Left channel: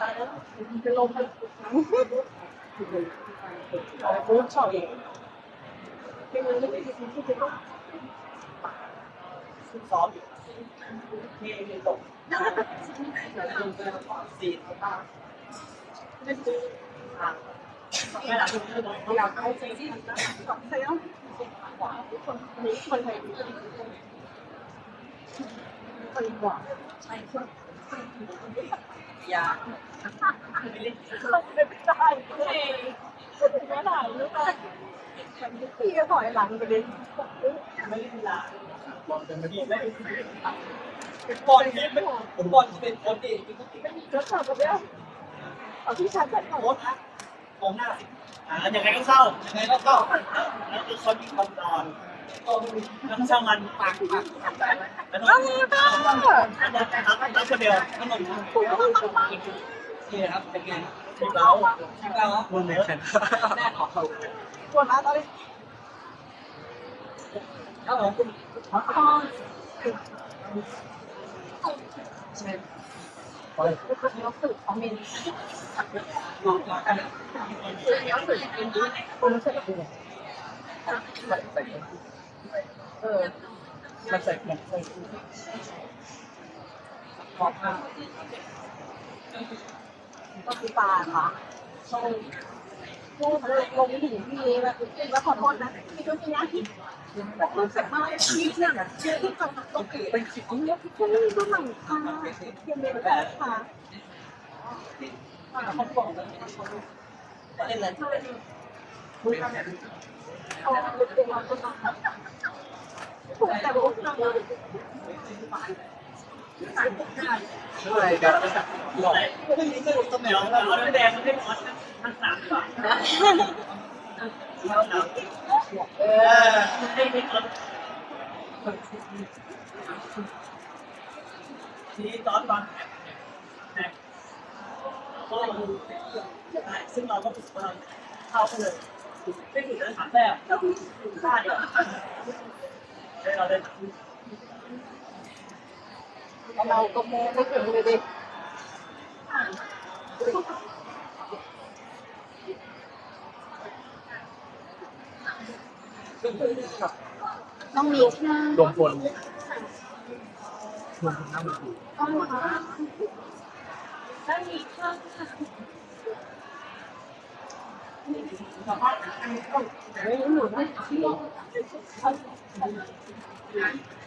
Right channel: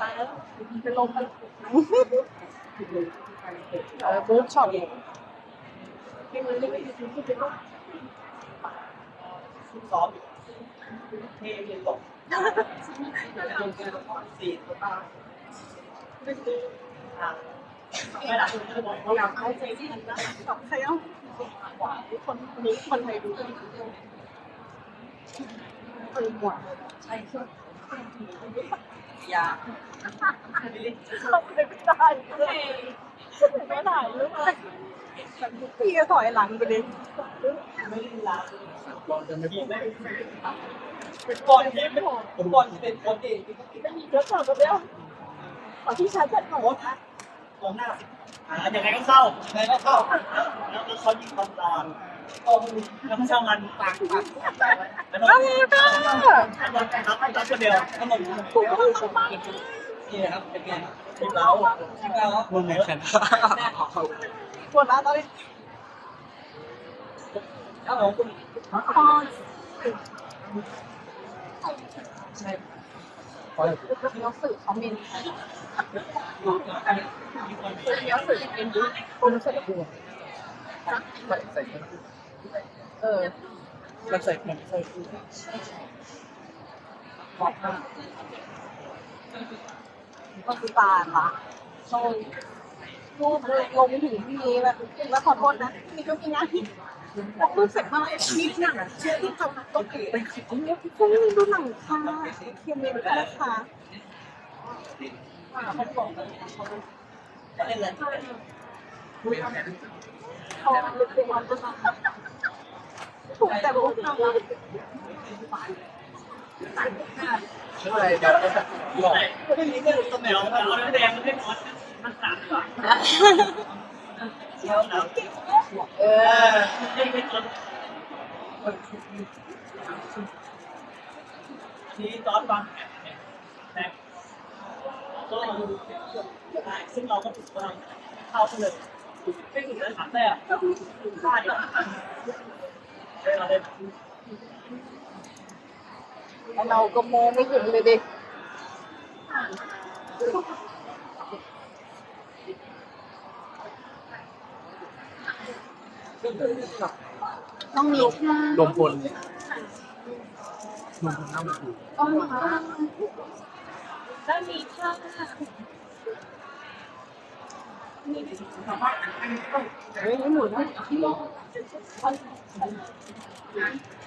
เป็นลมเอาไปอบอีกเพลงมันไม่ได้ยินที่เป็นซ้อมอยู่เทเทตกสี่ตัวตาไม่หลังไม่บอกอยากให้ใจที่ใครอะคนนี้คนไทยรู้ดีคนกว่าใช่ ยาไม่เล่นไม่ได้ไม่ได้พี่ก็ถอยหลังไปเลยไม่เล่นลาทีมไม่เป็นบอลทีมไม่ผมบอลเป็นคนเองไม่มีรถขับแล้วเอาที่ชาร์จแบตโค้ชนะกองหน้าสิอ่ายังไงก็เข้ายังไงก็เข้า แล้วก็เขายิงบอลตอน แล้วก็ช่างมันปากปากหันใจไว้แล้วนนท์แล้วนนท์รับรับคนเดียวแล้วนนท์นี่ครับเป็นไงทีมเราทีมเราครับวงไหนแน่นอนปวดมาตอนนี้ครับผมใช่รู้สึกของมินงงงกันรู้สึกเป็นดูคนรู้สึกเป็นใส่ เออมันใส่มันใส่ขอบผ้าก็คือตาค่ะใช่พูดเลยลงไม่ถึงพี่แบบแล้วขอโทษนะพี่ก็พี่นะบอกรู้สึกมากพี่เนี่ยเชื่อที่จะต้องเกิเป็นสิ่งนี้พี่ก็ไม่รู้หนังค่ะเทียนเมนค่ะเขาบอกว่าเล่นอะไรเอาลุกเอง ถูกแต่บุกทำอะไรเดี๋ยวอะไรไม่มีก็ตำแหน่งเอาน้ำแดงมันให้นอนทั้งสามดีกว่าแล้วหนาวเออให้ไม่นอนทีตอนวางแผนแผนก็ได้ซึ่งเราก็ฝึกว่าเข้าไปเลยไม่ฝึกเลยสามแต้มฆ่าเดียวได้ เราเล่นเราก็มองไม่ถึงเลยดิต้องมีท่ารวมพลรวมพลเข้ามาอยู่ต้องค่ะต้องมีท่าเฮ้ย หนูนะที่ลง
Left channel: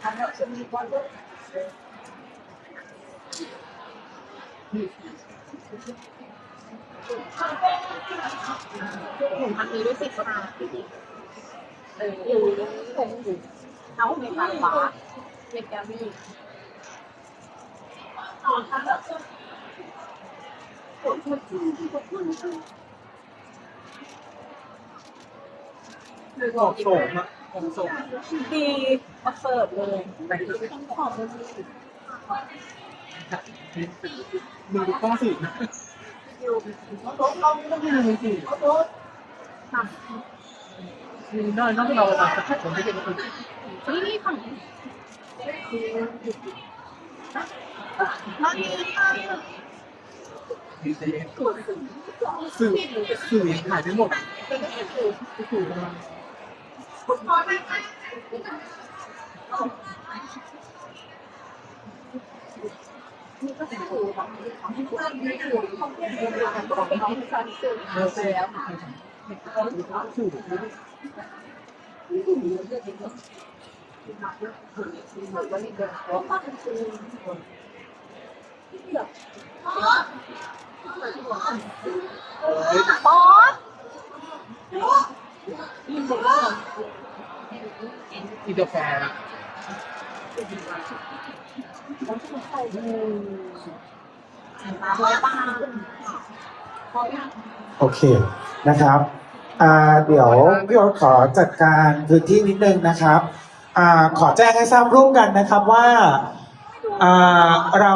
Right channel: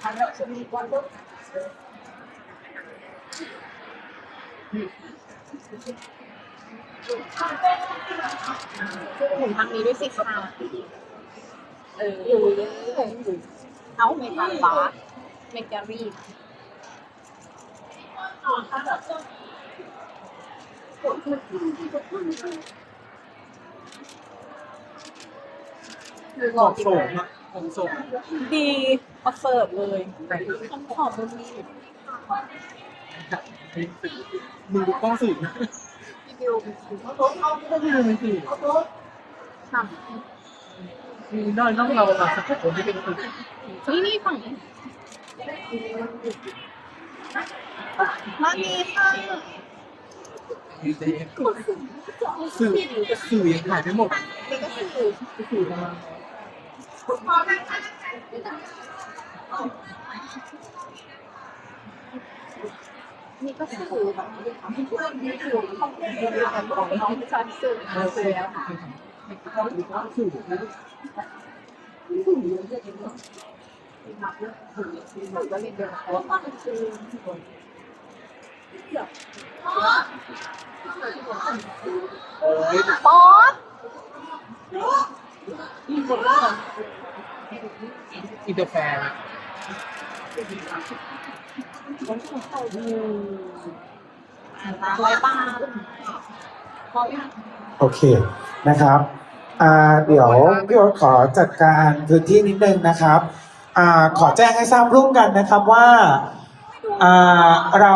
อันนั้นจะมีความรู้ผมทำนี้ด้วยสิครับเอออยู่เอาไม่ตาขวาไม่แกรี่ ดูก่อนโสดนะผมโสดดีประเสริฐเลยแต่ต้องขอมันมีมือต้องสูดนะดิวต้องมีมือสูดทมีน้อยต้องเราประมาณสักคนที่เป็นคนำนี่นี่ฝั่งนี้มาดีค่ะดีใจสื่อสื่อยังหายไปหมดสื่อมา นี่ก็คือแบบเรื่องนี้คือของเรื่องเรื่องของของที่ฉันซื้อมาแล้วค่ะสื่อบอสอิ นเตอร์แฟร์อะไรบ้างโอเคนะครับอ่าเดี๋ยวพี่โอ๊ตขอจัดการพื้นที่นิดนึงนะครับอ่าขอแจ้งให้ทราบร่วมกันนะครับว่าอ่าเรา